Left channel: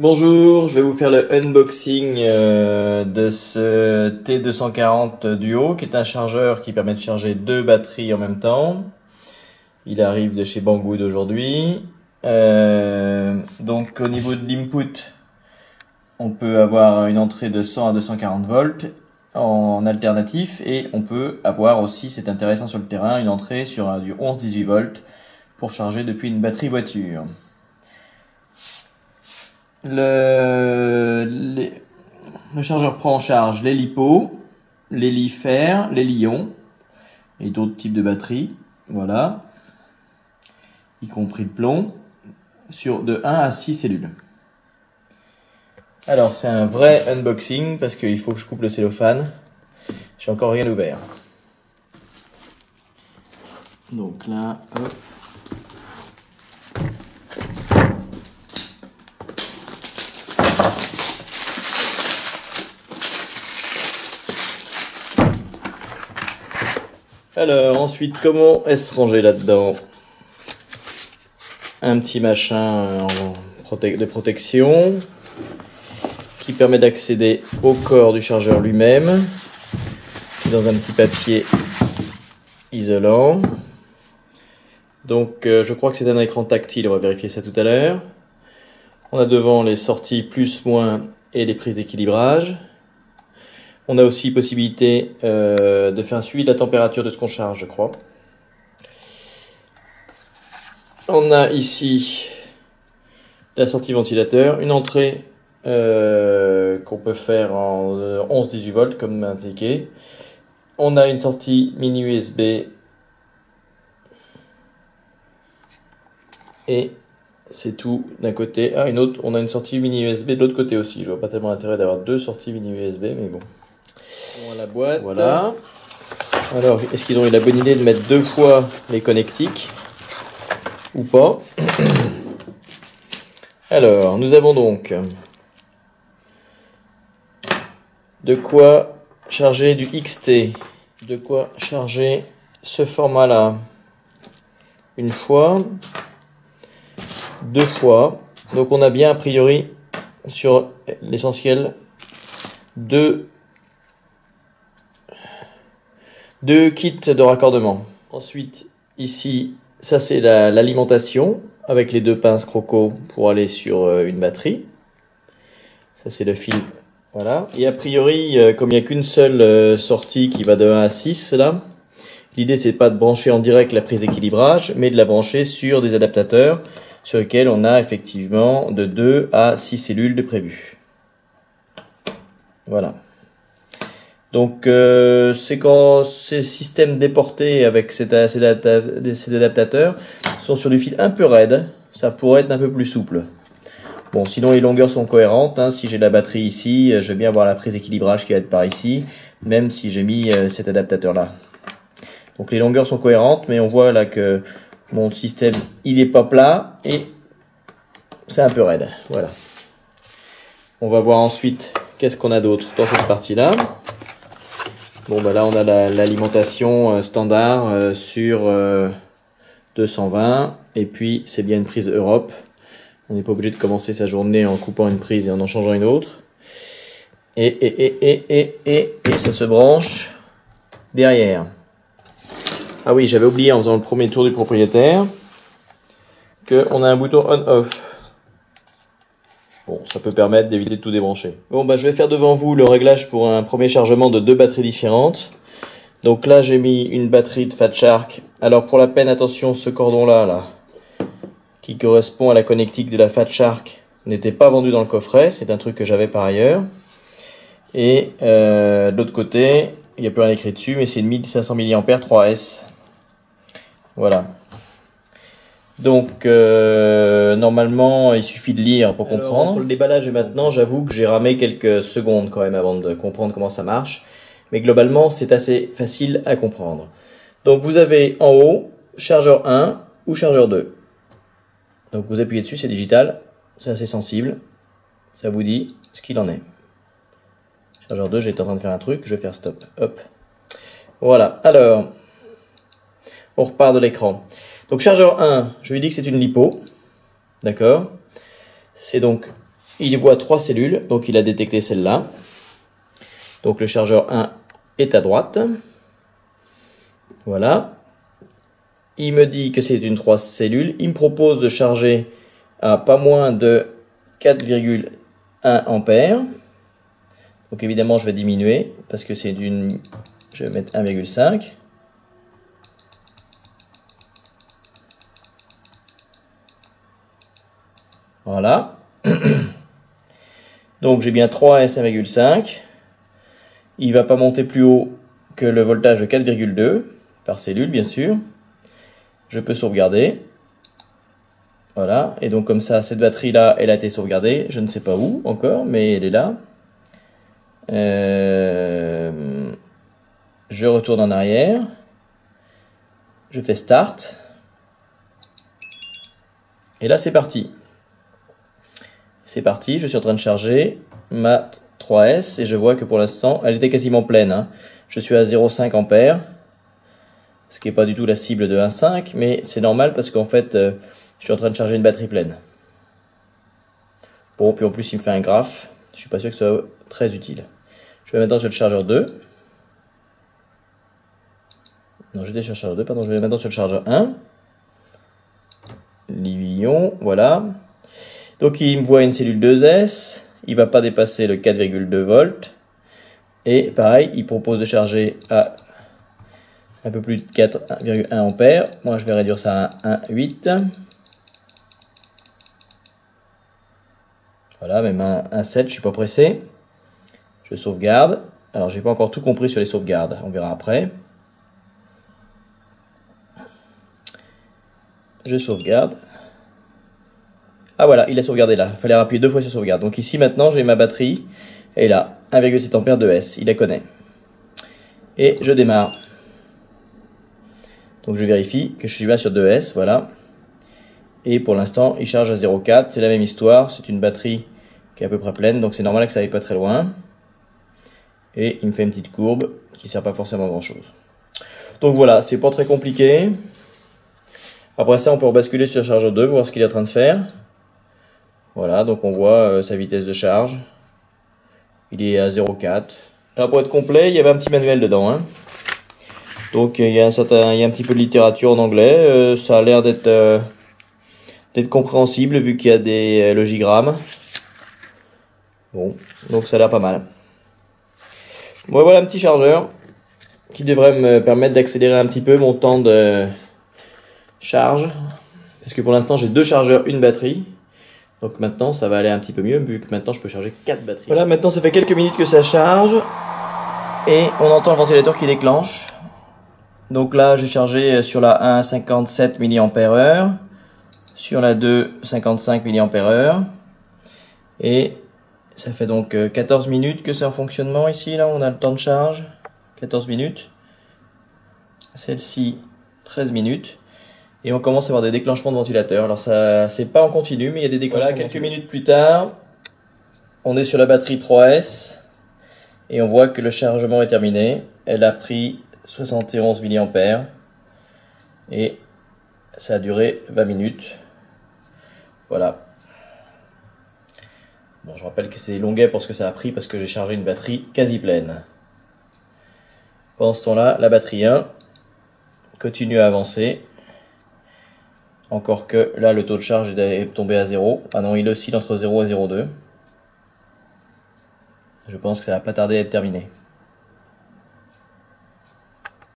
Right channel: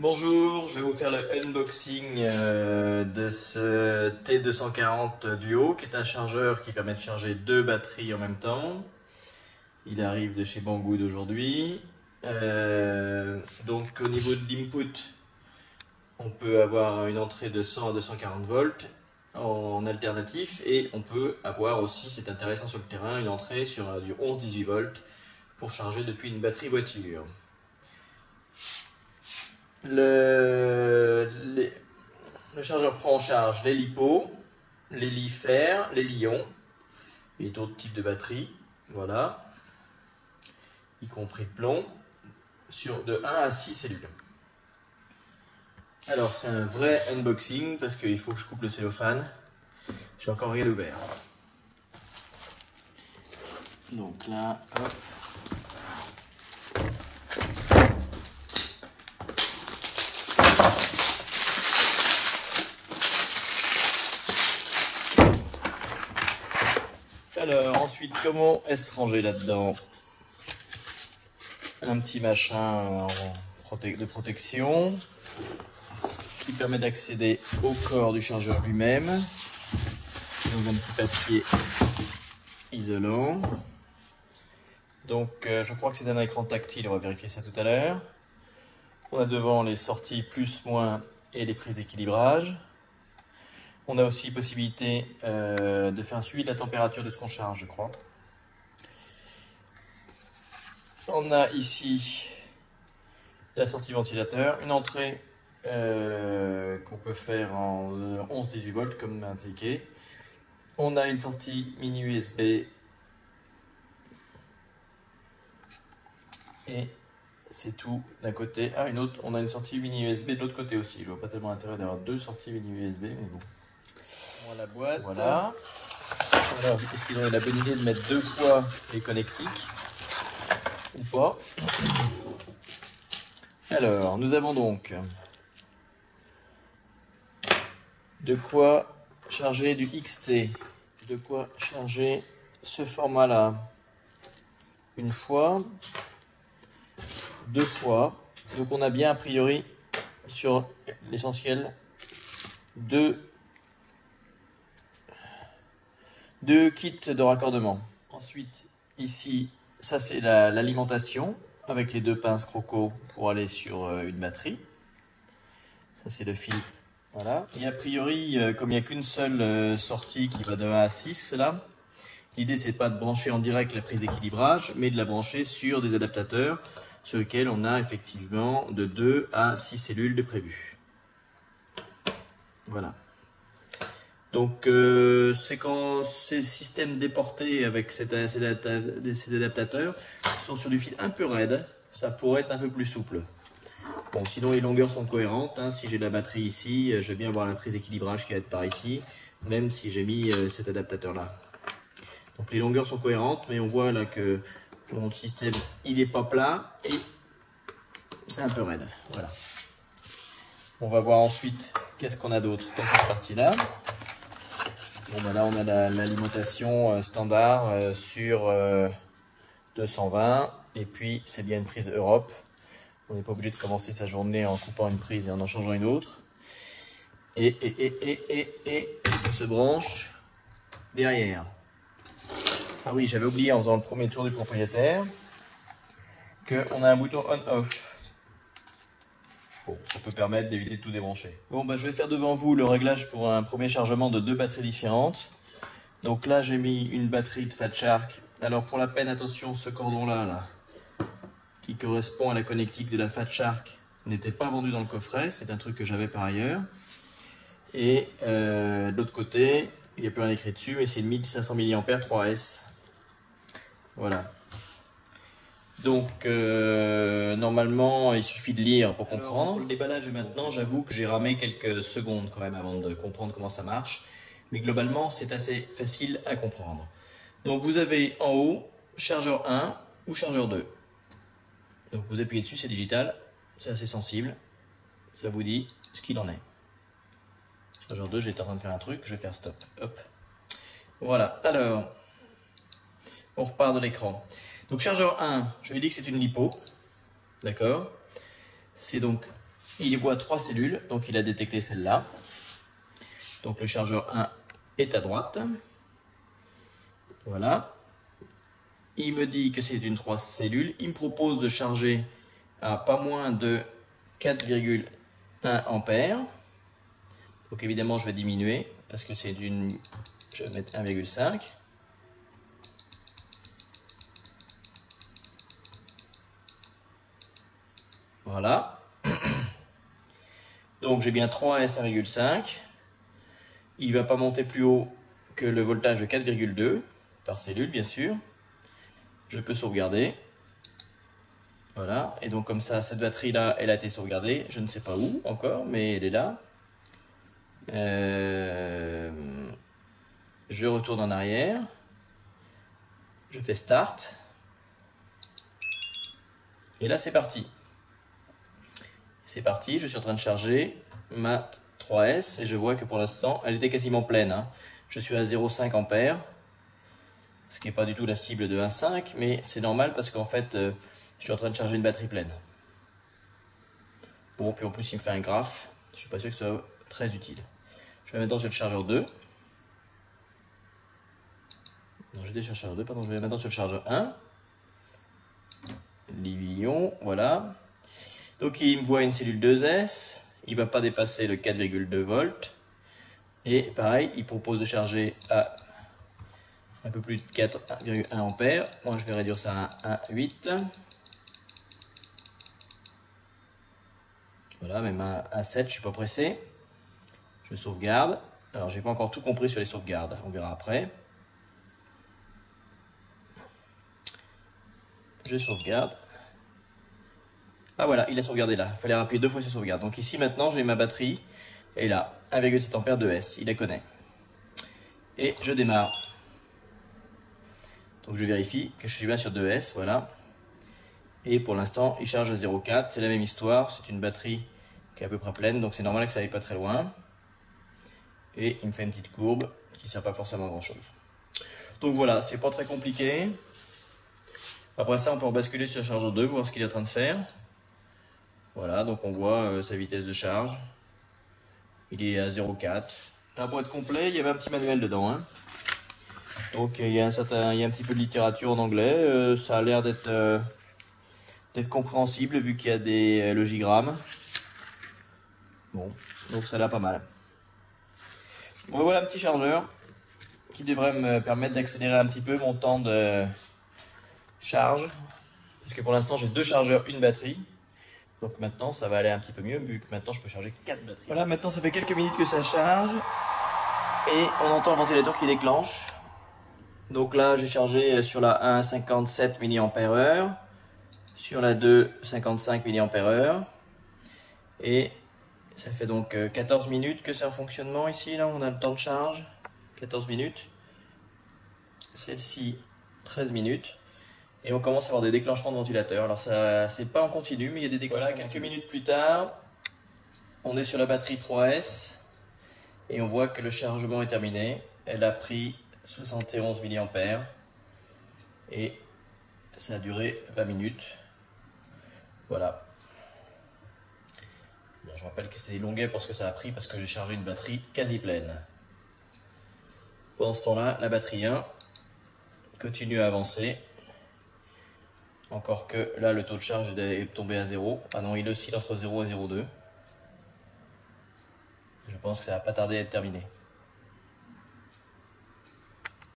Bonjour, je vais vous faire le unboxing de ce T240 Duo qui est un chargeur qui permet de charger deux batteries en même temps. Il arrive de chez Banggood aujourd'hui. Donc au niveau de l'input, on peut avoir une entrée de 100 à 240 volts en alternatif et on peut avoir aussi, c'est intéressant sur le terrain, une entrée sur du 11-18 volts pour charger depuis une batterie voiture. Le chargeur prend en charge les LiPo, les Li-Fer, les Li-ion et d'autres types de batteries, voilà, y compris le plomb, sur de 1 à 6 cellules. Alors c'est un vrai unboxing parce qu'il faut que je coupe le cellophane, j'ai encore rien ouvert. Donc là, hop. Alors ensuite, comment est-ce rangé là-dedans? Un petit machin de protection qui permet d'accéder au corps du chargeur lui-même, dans un petit papier isolant. Donc je crois que c'est un écran tactile, on va vérifier ça tout à l'heure. On a devant les sorties plus, moins et les prises d'équilibrage. On a aussi possibilité de faire un suivi de la température de ce qu'on charge, je crois. On a ici la sortie ventilateur, une entrée qu'on peut faire en 11-18 volts comme indiqué. On a une sortie mini USB et c'est tout d'un côté. Ah, une autre, on a une sortie mini USB de l'autre côté aussi. Je vois pas tellement l'intérêt d'avoir deux sorties mini USB, mais bon. La boîte. Voilà. Alors, est-ce qu'ils ont eu la bonne idée de mettre deux fois les connectiques ou pas? Alors, nous avons donc de quoi charger du XT, de quoi charger ce format-là une fois, deux fois. Donc, on a bien a priori sur l'essentiel deux kits de raccordement. Ensuite, ici, ça c'est l'alimentation avec les deux pinces croco pour aller sur une batterie. Ça c'est le fil. Voilà. Et a priori, comme il n'y a qu'une seule sortie qui va de 1 à 6 là, l'idée c'est pas de brancher en direct la prise d'équilibrage, mais de la brancher sur des adaptateurs sur lesquels on a effectivement de 2 à 6 cellules de prévu. Voilà. Donc c'est quand ces systèmes déportés avec ces adaptateurs sont sur du fil un peu raide, ça pourrait être un peu plus souple. Bon, sinon les longueurs sont cohérentes, hein. Si j'ai la batterie ici, je vais bien avoir la prise d'équilibrage qui va être par ici, même si j'ai mis cet adaptateur là. Donc les longueurs sont cohérentes, mais on voit là que mon système il est pas plat et c'est un peu raide. Voilà. On va voir ensuite qu'est-ce qu'on a d'autre dans cette partie là. Bon, bah là, on a l'alimentation standard sur 220. Et puis, c'est bien une prise Europe. On n'est pas obligé de commencer sa journée en coupant une prise et en changeant une autre. Et ça se branche derrière. Ah oui, j'avais oublié en faisant le premier tour du propriétaire qu'on a un bouton on-off. Bon, ça peut permettre d'éviter de tout débrancher. Bon, bah, je vais faire devant vous le réglage pour un premier chargement de deux batteries différentes. Donc là, j'ai mis une batterie de Fat Shark. Alors pour la peine, attention, ce cordon-là, qui correspond à la connectique de la Fat Shark, n'était pas vendu dans le coffret. C'est un truc que j'avais par ailleurs. Et de l'autre côté, il n'y a plus rien écrit dessus, mais c'est une 1500 mAh 3S. Voilà. Donc, normalement, il suffit de lire pour comprendre. Entre le déballage et maintenant, j'avoue que j'ai ramé quelques secondes quand même avant de comprendre comment ça marche. Mais globalement, c'est assez facile à comprendre. Donc, vous avez en haut, chargeur 1 ou chargeur 2. Donc, vous appuyez dessus, c'est digital. C'est assez sensible. Ça vous dit ce qu'il en est. Chargeur 2, j'étais en train de faire un truc. Je vais faire stop. Hop. Voilà. Alors, on repart de l'écran. Donc chargeur 1, je lui dis que c'est une LiPo, d'accord. C'est donc Il voit 3 cellules, donc il a détecté celle-là. Donc le chargeur 1 est à droite. Voilà. Il me dit que c'est une 3 cellules. Il me propose de charger à pas moins de 4,1 ampères. Donc évidemment, je vais diminuer parce que c'est d'une... Je vais mettre 1,5. Voilà. Donc j'ai bien 3S 1,5. Il ne va pas monter plus haut que le voltage de 4,2 par cellule, bien sûr. Je peux sauvegarder. Voilà. Et donc comme ça, cette batterie-là, elle a été sauvegardée. Je ne sais pas où encore, mais elle est là. Je retourne en arrière. Je fais Start. Et là, c'est parti. C'est parti, je suis en train de charger ma 3S et je vois que pour l'instant, elle était quasiment pleine, hein. Je suis à 0,5 ampères, ce qui n'est pas du tout la cible de 1,5, mais c'est normal parce qu'en fait, je suis en train de charger une batterie pleine. Bon, puis en plus, il me fait un graphe. Je suis pas sûr que ce soit très utile. Je vais maintenant sur le chargeur 2. Non, j'étais sur le chargeur 2, pardon, je vais maintenant sur le chargeur 1. Lion, voilà. Donc il me voit une cellule 2S, il ne va pas dépasser le 4,2 volts. Et pareil, il propose de charger à un peu plus de 4,1 ampères. Moi je vais réduire ça à 1,8. Voilà, même un 1,7, je ne suis pas pressé. Je sauvegarde. Alors j'ai pas encore tout compris sur les sauvegardes, on verra après. Je sauvegarde. Ah voilà, il a sauvegardé là. Il fallait appuyer 2 fois sur sauvegarde. Donc ici maintenant j'ai ma batterie. Et là, 1,7 ampères de S. Il la connaît. Et je démarre. Donc je vérifie que je suis bien sur 2S. Voilà. Et pour l'instant, il charge à 0,4. C'est la même histoire. C'est une batterie qui est à peu près pleine. Donc c'est normal que ça aille pas très loin. Et il me fait une petite courbe qui ne sert pas forcément à grand chose. Donc voilà, c'est pas très compliqué. Après ça, on peut rebasculer sur le chargeur 2, voir ce qu'il est en train de faire. Voilà, donc on voit sa vitesse de charge. Il est à 0,4. Alors pour être complet, il y avait un petit manuel dedans, hein. Donc il y a un petit peu de littérature en anglais. Ça a l'air d'être compréhensible vu qu'il y a des logigrammes. Bon, donc ça a l'air pas mal. Bon, voilà un petit chargeur qui devrait me permettre d'accélérer un petit peu mon temps de charge. Parce que pour l'instant j'ai 2 chargeurs, une batterie. Donc maintenant ça va aller un petit peu mieux vu que maintenant je peux charger 4 batteries. Voilà, maintenant ça fait quelques minutes que ça charge. Et on entend le ventilateur qui déclenche. Donc là j'ai chargé sur la 1 57 mAh. Sur la 2 55 mAh. Et ça fait donc 14 minutes que c'est en fonctionnement ici. Là on a le temps de charge. 14 minutes. Celle-ci 13 minutes. Et on commence à avoir des déclenchements de ventilateur. Alors ça, c'est pas en continu, mais il y a des déclenchements. Voilà, quelques minutes plus tard, on est sur la batterie 3S et on voit que le chargement est terminé. Elle a pris 71 mA et ça a duré 20 minutes. Voilà. Bon, je rappelle que c'est longuet pour ce que ça a pris parce que j'ai chargé une batterie quasi pleine. Pendant ce temps-là, la batterie 1 continue à avancer. Encore que là, le taux de charge est tombé à 0. Ah non, il oscille entre 0 et 0,2. Je pense que ça va pas tarder à être terminé.